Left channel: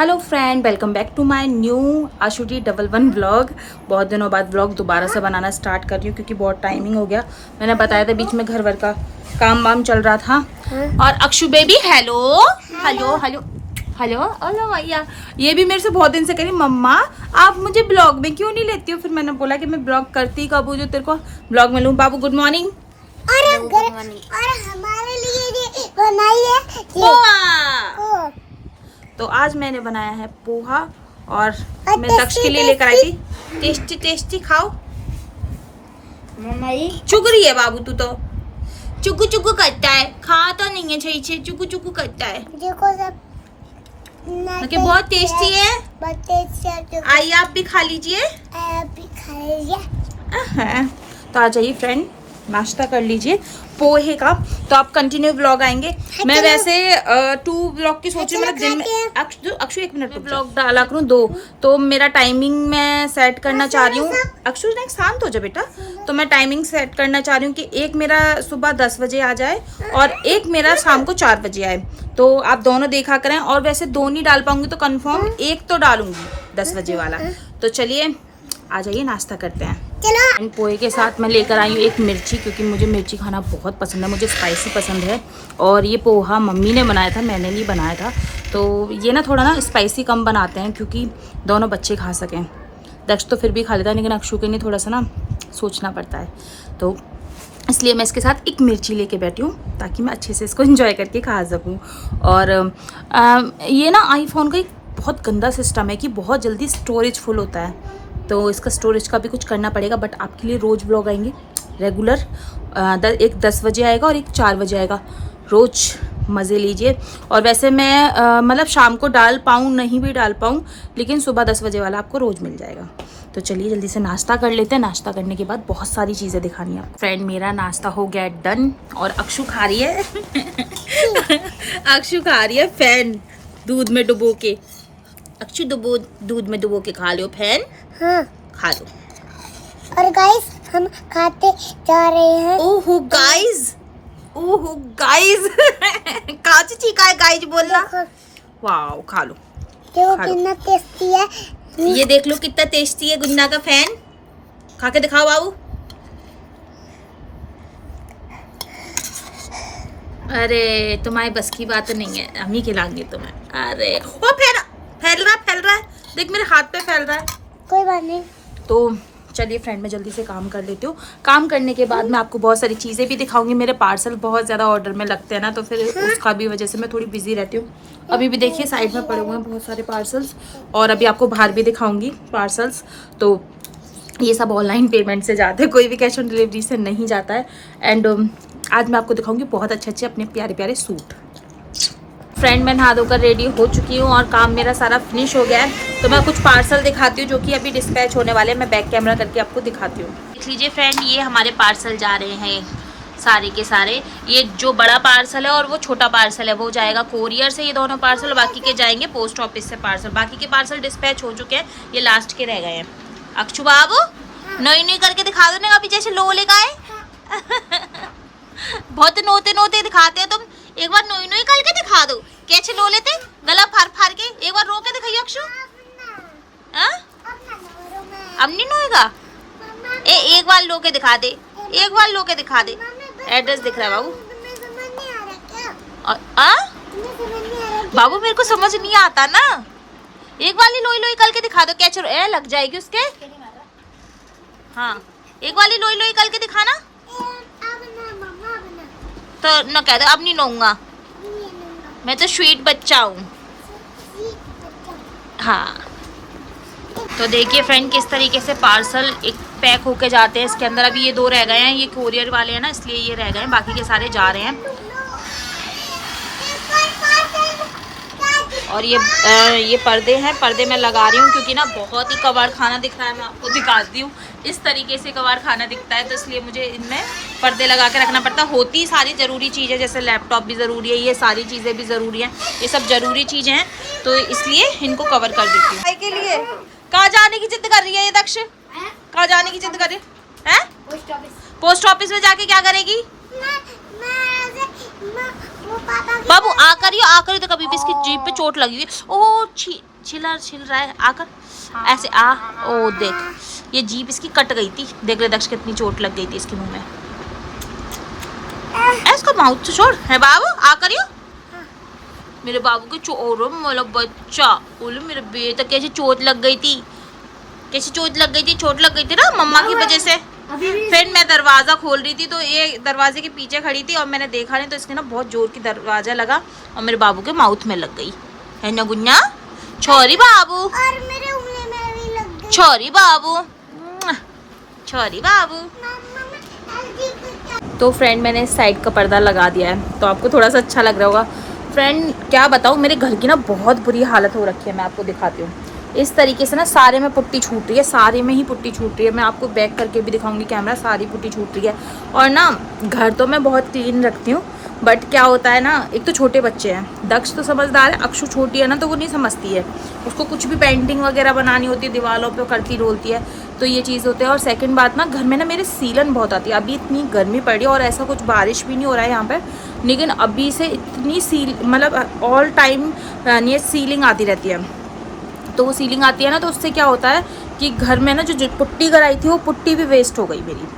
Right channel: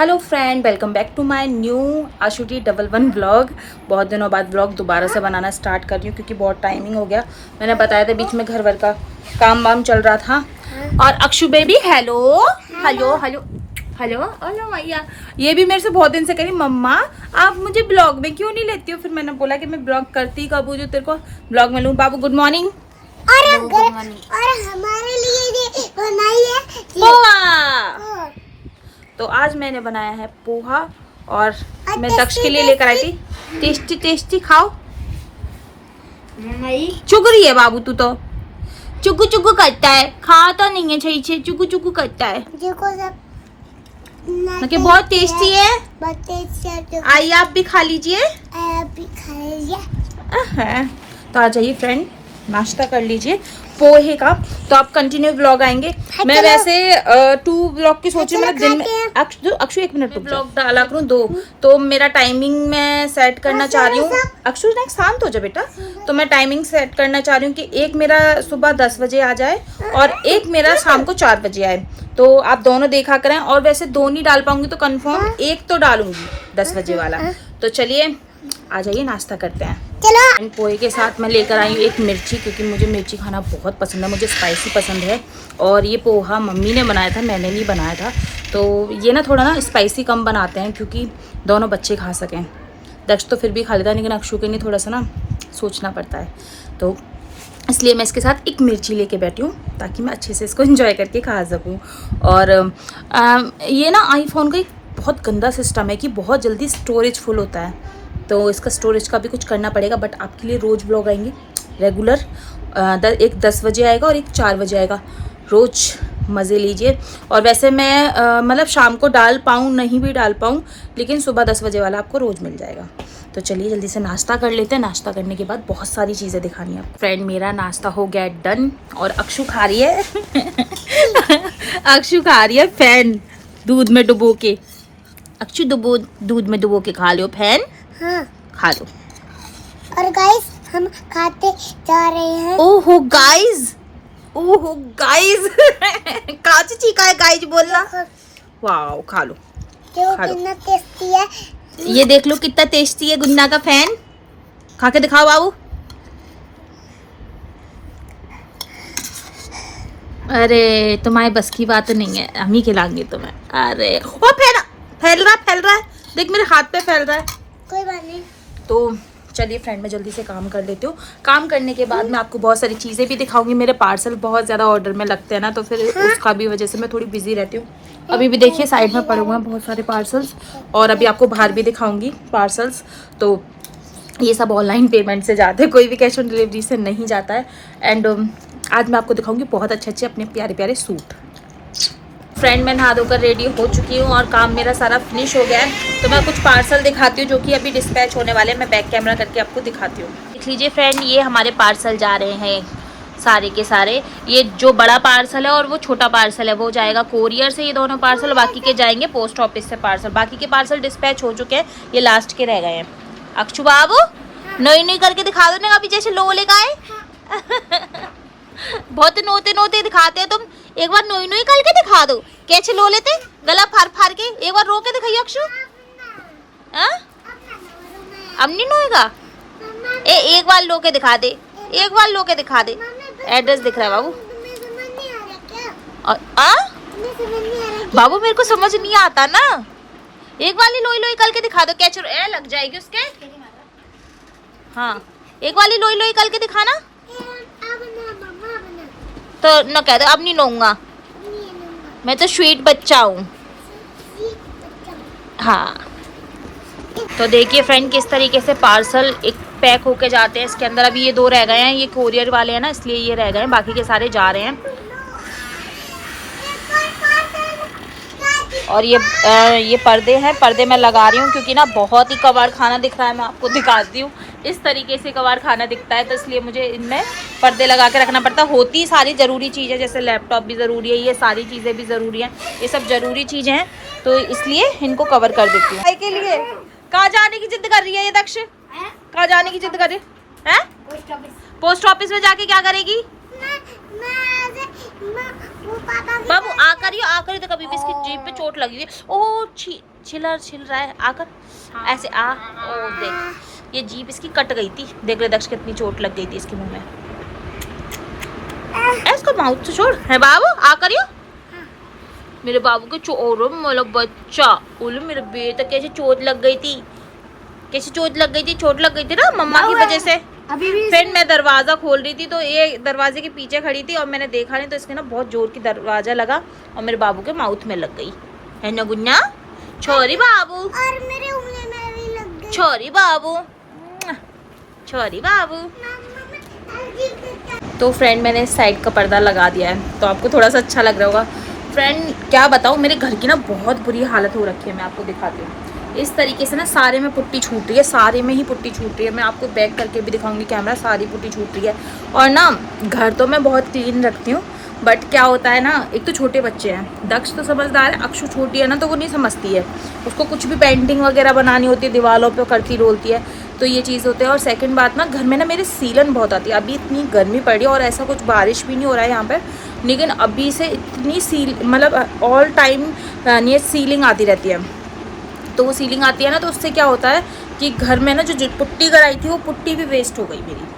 Hello friend, welcome back to my new आशुटी 11 vlog. बहुत दिनों बाद व्लॉग दोबारा से बनाना स्टार्ट कर रही हूँ क्योंकि बहुत टाइमिंग हो गया। मैंने बताया था बीच में घर वर का काम वाम चल रहा था। और Akshu baby hello hello hello hello hello भैया, ये भी मेरे से बहुत दिन से कह रही मम्मा आप मुझे ब्लॉग में क्यों नहीं लेती हो। फिर मैंने बोला कि मैं ब्लॉग करती कब हूँ जो तेरे को ब्लॉग में लूँ। बाबू गुड मॉर्निंग। और हमारे लिए बनाई है पोहा। तो आज मैंने बनाया है पोहा और मैं दक्ष के लिए लेकर आई थी। टेस्टी टेस्टी खाओ। चुग रही है बाबू, तू तो चुकू चुकू करता है, खाता नहीं है सही से, चुकू चुकू करता है। देखो सब बहुत टेस्टी है। आइए आप भी खा लीजिए। तो आ जाइए फ्रेंड, नाश्ता कर लीजिए पोहे का। तो आप कंटिन्यू व्लॉग आएंगे। मैं वैसे 2 व्लॉग की सोच रही हूँ, मतलब दिन में अक्षु 1 मिनट व्लॉग डाला करूँ 2। तो मेरा टाइमिंग मैं सेट करना चाह रही हूँ। अक्षु ने शांत हो जा बेटा। तो मैं टाइमिंग सेट करना चाह रही हूँ कि एक मेरा सुबह 10 बजे आ जाए और एक मेरा शाम को 4 बजे आए। तो आप दोनों देखा करें। और वैसे 2 नहीं डाल पाऊंगी तो कंफर्म एक तो डालूंगी 10 बजे वाला। तो चलिए आ जाइए, नाश्ता करते हैं। चलो। पोहे के साथ मैं लेकर आई हूँ एक मिर्ची, क्योंकि मुझे मिर्ची खाना बहुत पसंद है, मुझे स्पाइसी पसंद है। और ये पोहा मम्मी ने बनाया था, मैंने नहीं बनाया था। तो ये ना थोड़ा ना स्पाइसी कम बनाते हैं क्योंकि दोनों बच्चे खा सकें। दक्ष तो फिर भी खा लेता है, लेकिन अक्षु के लिए थोड़ा सा ना सोचना पड़ता है। तो इसलिए मैं इसके साथ एक मिर्ची लेके बैठी हूँ ताकि मैं अच्छे से इसको एंजॉय करके खा सकूँ। और ये ना आईफोन का एक बहुत गंदा सिस्टम है कि बहुत जल्दी स्टोरेज फुल होता है। तो इसका स्टोरेज का भी कुछ करना पड़ेगा। बट आपके लिए रोज़ ब्लॉग आएंगे रेगुलर। एक 10 बजे आएगा और एक 4 बजे आएगा। रोज़ मज़े लीजिए। और वैसे मैं मतलब शाम को डाल पाऊँ नहीं भी डाल पाऊँ, लेकिन सुबह 10 बजे वाला आपको रोज़ मिल जाएगा। तो चलिए जल्दी से नाश्ता कर लेते हैं। नाश्ता करने के बाद बहुत सारी चीज़ें दिखानी है। फ्रेंड मेरा नाश्ता हो गया डन और अक्षु खा रही है अक्षु खा रही है फैन दूध में डुबो के। अक्षु दूध में डुबो के खा लो फैन। हाँ। खा लो। और गाइस हम खाते जा रहे हैं। ओहो गाइस काची चीका है गाइस बोलना। वाओ खा लो। देखो कितना टेस्टी है। ये देख लो कितना टेस्टी है गुन्ना का फैन। खा के दिखाओ बाबू। अरे तुम्हारी बस की बात नहीं है, हम ही खिलाएंगे तुम्हें। अरे वो फैल रहा है। देख मेरे हाथ पे फैल रहा है। कोई बात नहीं। तो चलिए फ्रेंड मैं जल्दी से काम कर लेती हूँ। काम करने के बाद मैं आपको बहुत सारी चीज़ें भी दिखाऊंगी। मेरे पार्सल बहुत ज़्यादा ऑर्डर में लगते हैं ना, तो फिर उसका भी वजह से मैं थोड़ी बिजी रहती हूँ। अभी भी देखिए साइड में पड़े हुए हैं बहुत सारे पार्सल्स। और अभी आपको बाहर भी दिखाऊंगी पार्सल्स। तो ये सब ऑनलाइन पेमेंट से जाते हैं, कोई भी कैश ऑन डिलीवरी से नहीं जाता है। एंड आज मैं आपको दिखाऊंगी बहुत अच्छे अपने प्यारे प्यारे सूट। फ्रेंड मैं नहा धोकर रेडी हो चुकी हूँ और काम मेरा सारा फिनिश हो गया है। तो मैं कुछ पार्सल दिखाती हूँ जो कि अभी डिस्पैच होने वाले हैं। मैं बैक कैमरा करके आपको दिखाती हूँ। देख लीजिए फ्रेंड, ये हमारे पार्सल जा रहे हैं सारे के सारे। ये जो बड़ा पार्सल है और वो छोटा पार्सल है वो जाएगा कोरियर से, ये दोनों पार्सल। बाकी के जाएंगे पोस्ट ऑफिस से पार्सल। बाकी के पार्सल डिस्पैच हो चुके हैं, ये लास्ट के रह गए हैं। अक्षु बाबू नई करके दिखा दो ना, अभी जैसे लोले का है बहुत नोते दिखाते हैं तुम। एक बार नोई करके दिखा दो, कैसे लो लेते गला फाड़ के। एक बार रो के दिखाइए अक्षु। अब नहीं नोएगा। एक बार लो के दिखा दे, एक बार लो के दिखा दे। एड्रेस दिख रहा है बाबू। बाबू मेरे को समझ नहीं आता ना। एक बार लोई करके दिखा दो, कैसे लग जाएगी उसके। हाँ एक वाली लोई करके दिखाना। तो न कह दो अब नहीं लूंगा, मैं तो स्वीट बच्चा हूँ। हाँ तो देखिए फ्रेंड किस तरीके से पार्सल एक पैक होके जाते हैं। इसके अंदर अभी ये 2 रह गए हैं, ये कोरियर वाले हैं ना इसलिए ये रह गए हैं, बाकी के सारे जा रहे हैं। और ये पर्दे हैं, पर्दे मैं लगा रही हूँ क्योंकि ना बहुत ही कबाड़ खाना दिख रहा है। मैं आपको दिखाती हूँ इस तरीके से कबाड़ खाना दिखता है, तो इसलिए मुझे इनमें पर्दे लगा के रखना पड़ता है। होती सारी ज़रूरी चीज़ें, जैसे लैपटॉप भी ज़रूरी है, ये सारी चीज़ें भी ज़रूरी हैं, ये सब ज़रूरी चीज़ें हैं, तो इसलिए इनको कवर कर देती हूँ। के लिए कहाँ जाने की जिद कर रही है ये दक्ष? कहाँ जाने की जिद कर रही है? पोस्ट ऑफिस में जाके क्या करेगी? बाबू आकर तो कभी भी इसकी जीभ पे चोट लगी हुई है। ओ छिल रहा है आकर ऐसे ओ देख ये जीभ इसकी कट गई थी। देख ले दक्ष कितनी चोट लग गई थी इसके मुंह में। इसको माउथ से छोड़ है बाबू आकर मेरे बाबू के मतलब बच्चा बोलो मेरे बेटा कैसे चोट लग गई थी, कैसे चोट लग गई थी ना मम्मा की वजह से। फ्रेंड मैं दरवाजा खोल रही थी तो ये दरवाजे के पीछे खड़ी थी और मैंने देखा नहीं तो इसके ना बहुत जोर की दरवाजा लगा और मेरे बाबू के माउथ में लग गई है ना गुन्ना। छोरी बाबू और मेरे उंगली में भी लग गई। छोरी बाबू। तो फ्रेंड मैंने इस साइड का पर्दा लगा दिया है तो आपको थोड़ा सा अच्छा लग रहा होगा। फ्रेंड क्या बताऊँ मेरे घर की ना बहुत बुरी हालत हो रखी है। मैं आपको दिखाती हूँ इस तरीके से ना सारे में पुट्टी छूट रही है, सारे में ही पुट्टी छूट रही है। मैं आपको बैक करके भी दिखाऊंगी कैमरा, सारी पुट्टी छूट रही है। और ना घर तो मैं बहुत क्लीन रखती हूँ बट क्या होता है ना एक तो छोटे बच्चे हैं, दक्ष तो समझदार है, अक्षु छोटी है ना तो वो नहीं समझती है। उसको कुछ भी पेंटिंग वगैरह बनानी होती है दीवारों पे करती रोलती है तो ये चीज़ होती है। और सेकंड बात ना घर में ना मेरे सीलन बहुत आती है। अभी इतनी गर्मी पड़ रही है और ऐसा कुछ बारिश भी नहीं हो रहा है यहाँ पर, लेकिन अभी से इतनी मतलब ऑल टाइम ये सीलिंग आती रहती है। तो वो सीलिंग आती है ना तो उससे क्या होता है कि घर में ना जो पुट्टी कराई थी वो पुट्टी भी वेस्ट हो गई मेरी।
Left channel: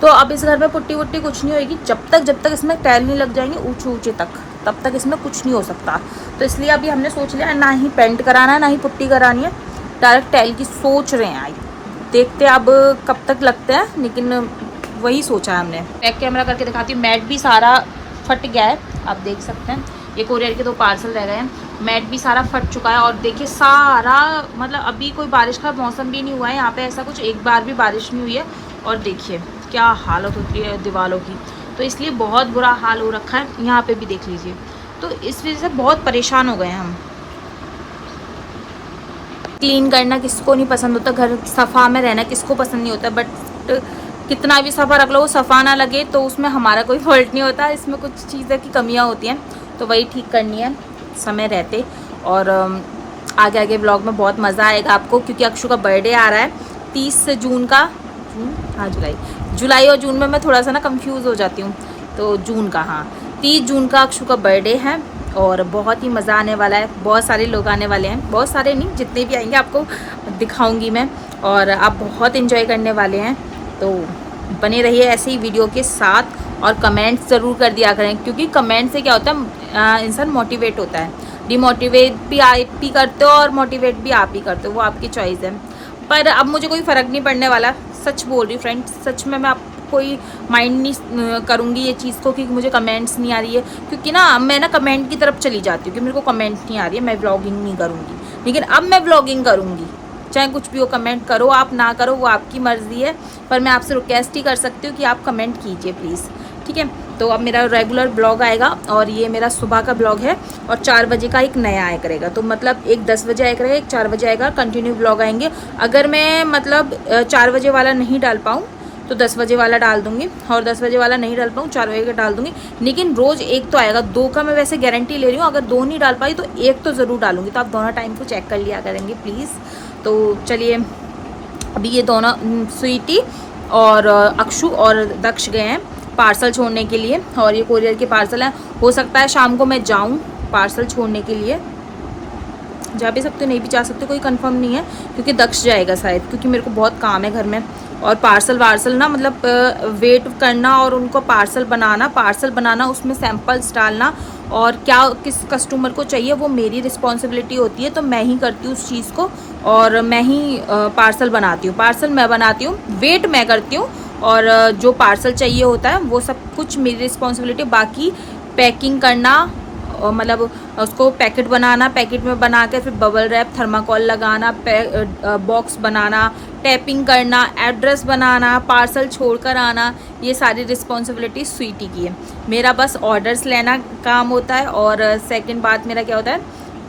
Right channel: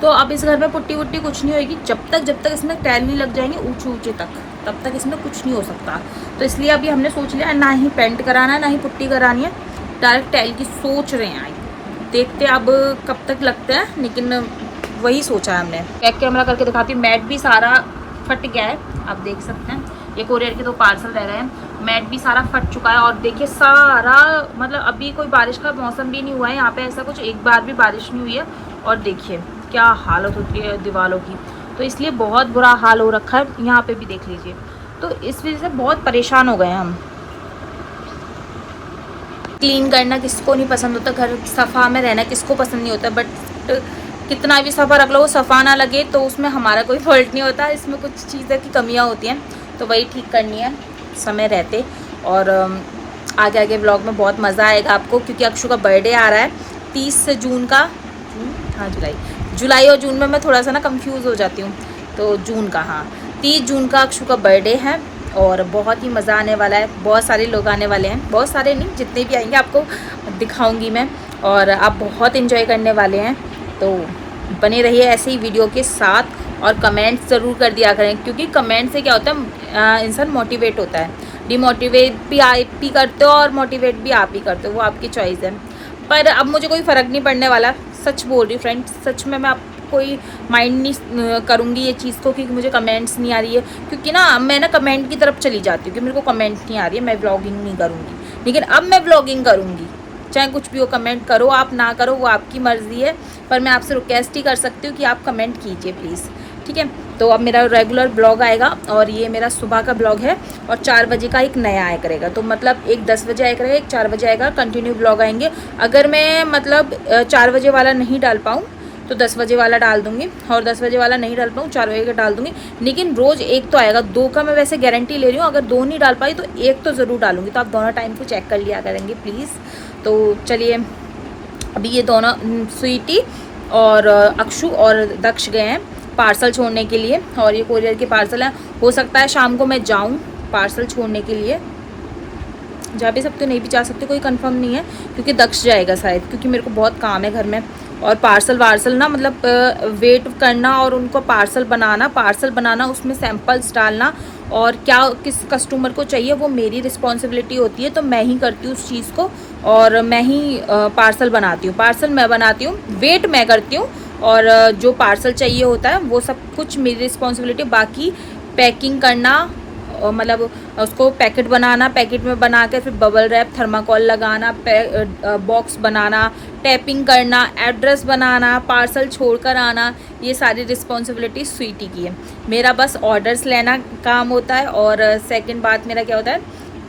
तो अब इस घर में पुट्टी वुट्टी कुछ नहीं होगी जब तक इसमें टाइल नहीं लग जाएंगे ऊंचे तक, तब तक इसमें कुछ नहीं हो सकता। तो इसलिए अभी हमने सोच लिया ना ही पेंट कराना है ना ही पुट्टी करानी है, डायरेक्ट टाइल की सोच रहे हैं। देखते अब कब तक लगते हैं, लेकिन वही सोचा है हमने। बैक कैमरा करके दिखाती हूँ। मैट भी सारा फट गया है, आप देख सकते हैं। ये कोरियर के 2 पार्सल रह गए हैं। मैट भी सारा फट चुका है और देखिए सारा मतलब अभी कोई बारिश का मौसम भी नहीं हुआ है यहाँ पे, ऐसा कुछ एक बार भी बारिश नहीं हुई है। और देखिए क्या हालत होती है दीवारों की, तो इसलिए बहुत बुरा हाल हो रखा है। यहाँ पे भी देख लीजिए, तो इस वजह से बहुत परेशान हो गए हैं हम। क्लीन करना किसको नहीं पसंद होता, घर सफ़ा में रहना किसको पसंद नहीं होता, बट कितना भी सफ़ा रख लो वो सफ़ा ना लगे तो उसमें हमारा कोई फॉल्ट नहीं होता। इसमें कुछ चीज़ें की कमियाँ होती हैं तो वही ठीक करनी है समय रहते। और आगे व्लॉग में बहुत मज़ा आएगा आपको, क्योंकि अक्षु का बर्थडे आ रहा है 30 जून का। हाँ जुलाई और जून में मैं थोड़ा सा ना कंफ्यूज हो जाती हूँ, तो जून का, हाँ 30 जून का अक्षु का बर्थडे है और बहुत ही मज़ा आने वाला है। बहुत सारे लोग आने वाले हैं, बहुत सारे नहीं जितने भी आएंगे आपको दिखाऊंगी मैं, और आप बहुत इन्जॉय करने वाले हैं। तो बने रहिए ऐसे ही वीडियो के साथ और कमेंट्स ज़रूर कर दिया करें, क्योंकि कमेंट से क्या होता है इंसान मोटिवेट होता है। डिमोटिवेट भी आप ही करते हो और मोटिवेट भी आप ही करते हो, वो आपकी चॉइस है। पर अब मुझे कोई फ़र्क नहीं पड़ने वाला, सच बोल रही फ्रेंड, सच में मैं आप कोई माइंड नहीं करूँगी ये चीज़ को कि मुझे कमेंट्स नहीं आ रही है, क्योंकि ना मैं ना कमेंट की तरफ चली जाती हूँ कि मेरे को कमेंट नहीं आ रही है, मैं व्लॉगिंग नहीं करूँगी। लेकिन अब मैं व्लॉगिंग करूँगी, चाहे कुछ भी हो, कमेंट करो आप ना करो वो आपकी मर्ज़ी है, पर मैं आपसे रिक्वेस्ट ही कर सकती हूँ कि आप कमेंट कीजिए प्लीज़, ठीक है। तो अब मेरा रेगुलर ब्लॉग आएगा और ये मेरा सुबह का ब्लॉग है और 4 बजे का एक नया आया करेगा। तो मतलब एक 10 बजे आया करेगा, एक 4 बजे आएगा, कंटिन्यू ब्लॉग आएंगे। अगर मैं मतलब 4 बजे वाला नहीं डाल पाऊँ तो 10 बजे वाला डाल दूँगी, और 10 बजे वाला नहीं डाल पाऊँ 4 बजे का डाल दूँगी। लेकिन रोज़ एक तो आएगा, 2 का मैं वैसे गारंटी ले रही हूँ, अगर 2 नहीं डाल पाई तो 1 तो ज़रूर डालूँगी। तो आप दोनों टाइम को चेक कर लिया करेंगे प्लीज़। तो चलिए अभी ये दोनों स्वीटी और अक्षु और दक्ष गए हैं पार्सल छोड़ने के लिए, और ये कोरियर के पार्सल हैं। हो सकता है शाम को मैं जाऊं पार्सल छोड़ने के लिए, जा भी सकते नहीं भी जा सकते, कोई कंफर्म नहीं है, क्योंकि दक्ष जाएगा शायद, क्योंकि मेरे को बहुत काम है घर में। और पार्सल वार्सल ना मतलब वेट करना और उनको पार्सल बनाना उसमें सैंपल्स डालना और क्या किस कस्टमर को चाहिए वो मेरी रिस्पॉन्सिबिलिटी होती है। तो मैं ही करती हूँ उस चीज़ को और मैं ही पार्सल बनाती हूँ, पार्सल मैं बनाती हूँ, वेट मैं करती हूँ, और जो पार्सल चाहिए होता है वो सब कुछ मेरी रिस्पॉन्सिबिलिटी। बाकी पैकिंग करना और मतलब उसको पैकेट बनाना, पैकेट में बना के फिर बबल रैप थर्माकोल लगाना, बॉक्स बनाना, टैपिंग करना, एड्रेस बनाना, पार्सल छोड़कर आना, ये सारी रिस्पॉन्सिबिलिटी स्वीटी की है। मेरा बस ऑर्डर्स लेना काम होता है, और सेकंड बात मेरा क्या होता है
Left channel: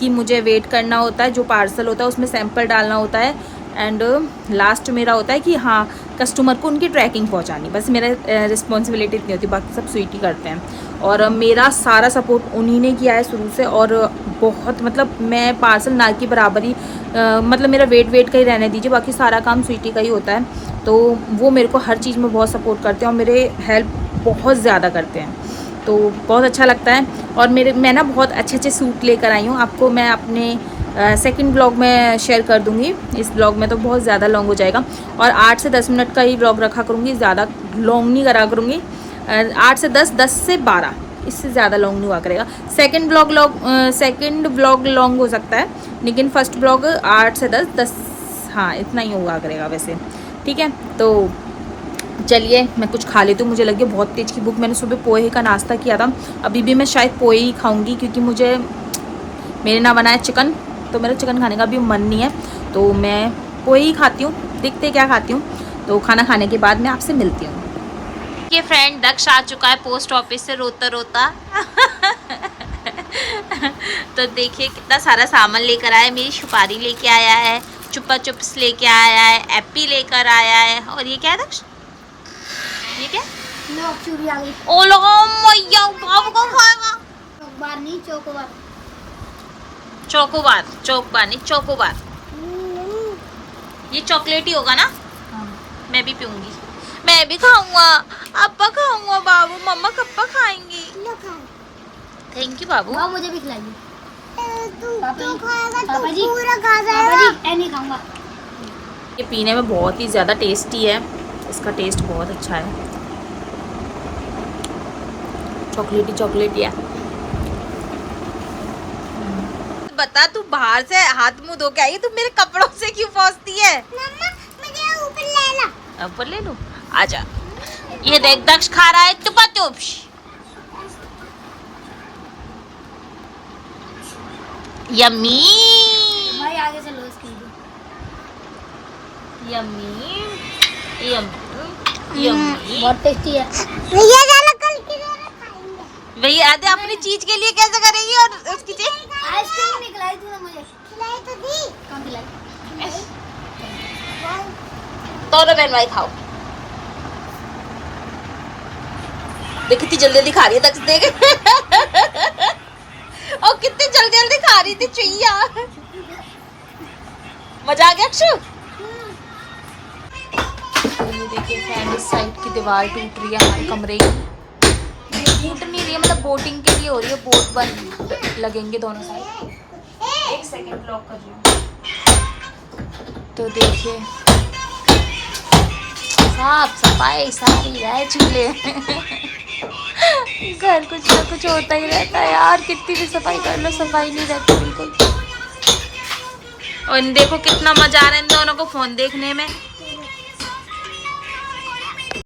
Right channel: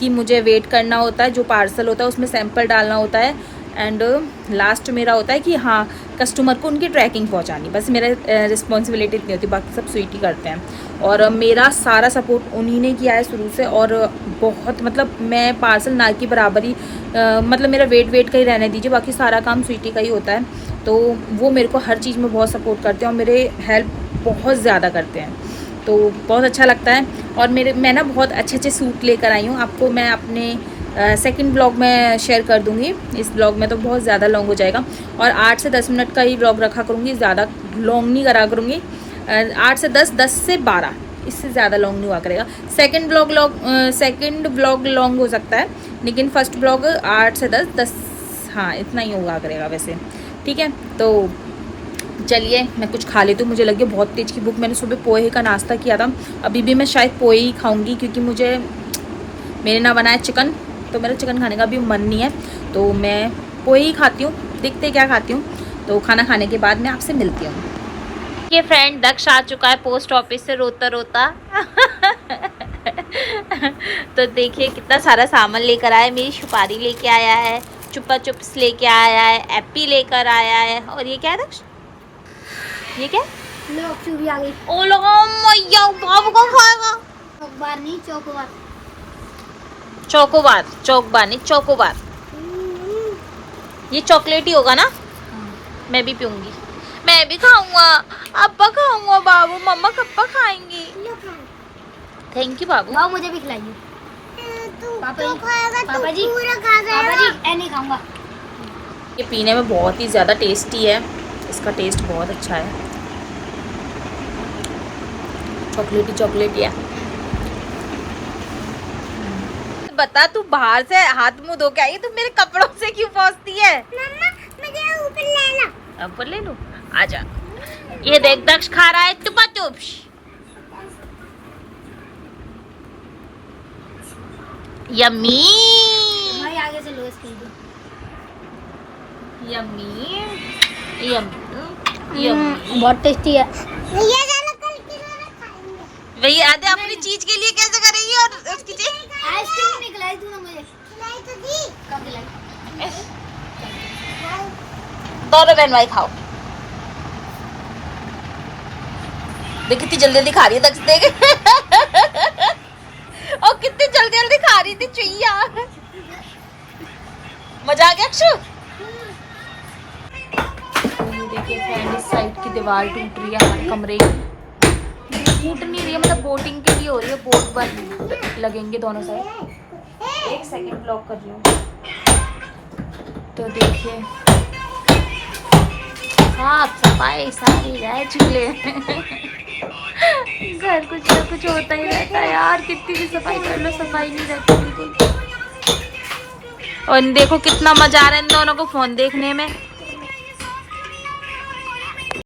कि मुझे वेट करना होता है, जो पार्सल होता है उसमें सैंपल डालना होता है, एंड लास्ट मेरा होता है कि हाँ कस्टमर को उनकी ट्रैकिंग पहुंचानी। बस मेरा रिस्पॉन्सिबिलिटी इतनी होती है, बाकी सब स्वीटी करते हैं। और मेरा सारा सपोर्ट उन्हीं ने किया है शुरू से, और बहुत मतलब मैं पार्सल ना की बराबरी मतलब मेरा वेट का ही रहने दीजिए, बाकी सारा काम स्वीटी का ही होता है। तो वो मेरे को हर चीज़ में बहुत सपोर्ट करते हैं और मेरे हेल्प बहुत ज़्यादा करते हैं। तो बहुत अच्छा लगता है। और मैं ना बहुत अच्छे अच्छे सूट लेकर आई हूँ, आपको मैं अपने सेकंड ब्लॉग में शेयर कर दूँगी। इस ब्लॉग में तो बहुत ज़्यादा लॉन्ग हो जाएगा, और 8 से 10 मिनट का ही ब्लॉग रखा करूँगी, ज़्यादा लॉन्ग नहीं करा करूँगी। 8 से 10, 10 से 12, इससे ज़्यादा लॉन्ग नहीं हुआ करेगा। सेकंड ब्लॉग लॉन्ग हो सकता है, लेकिन फर्स्ट ब्लॉग 8 से 10, हाँ इतना ही हुआ करेगा वैसे। ठीक है, तो चलिए मैं कुछ खा लेती हूँ, मुझे लगी बहुत तेज़ की भूख। मैंने सुबह पोहे का नाश्ता किया था, अभी भी मैं शायद पोहे ही खाऊंगी, क्योंकि मेरे ना बनाए चिकन, तो मेरा चिकन खाने का भी मन नहीं है, तो मैं पोहे ही खाती हूँ। देखते क्या खाती हूँ, तो खाना खाने के बाद मैं आपसे मिलती हूँ। ये फ्रेंड दक्ष आ चुका है पोस्ट ऑफिस से रोता रोता तो देखिए कितना सारा सामान लेकर आया। मेरी सुपारी लेके आया है, चुप्पा चुप्स लेके आया है, एप्पी लेकर आया है, और ये क्या है दक्ष, ये क्या? चूड़ी आ गई। ओ लगा मैया, बाबू कौन खाएगा? चोकोबार नहीं, चोकोबार। चोकोबार नहीं, चोकोबार। ये चॉकलेट ही होगा ना? मैं भी पीऊंगी, मैं भी खाऊंगा। अब्बा खाऊंगा, बाबू मम्मा कब्बा खाएंगी। थैंक यू बाबू। मुझे भी खिलाइए। तू खाएगा तो पूरा खा जाएगा। मैं नहीं खाऊंगा। ये पीने में बहुत ही ज़्यादा टेस्टी है, इसका टेस्ट बहुत अच्छा है, चॉकलेटी है। बता, तू बाहर से हाथ मुंह धो के आई, तू मेरे कपड़ों से क्यों पहुंचती है? मम्मा मुझे ऊपर ले ला। ऊपर ले लूं? आजा। ये देख दक्ष खा रहा है चुपा चुप्स। यम्मी भाई आगे से लो इसकी। Yummy yummy yummy. बहुत टेस्टी है भैया। जाना कल की तरह खाएंगे भैया आधे अपनी चीज के लिए कैसे करेगी, और उसकी चीज आइसक्रीम नहीं खिलाई तूने मुझे। खिलाई तो दी। कम खिलाई। दोनों बहन भाई खाओ। देख कितनी जल्दी जल्दी खा रही है दक्ष, देख और कितनी जल्दी जल्दी खा रही थी चुईया। मजा आ गया अक्षु। तो ये देखिए फ्रेंड, इस साइड की दीवार टूट रही है हमारे कमरे की। टूट नहीं रही है, मतलब बोटिंग के लिए हो रही है, बोट बन लगेंगे दोनों साइड। एक सेकंड ब्लॉक कर लूँ। तो देखिए साफ सफाई सारी रह चूल्हे घर कुछ ना कुछ होता ही रहता है यार, कितनी भी सफाई कर लो सफाई नहीं रहती बिल्कुल। और देखो कितना मजा आ रहा है इन दोनों को फोन देखने में।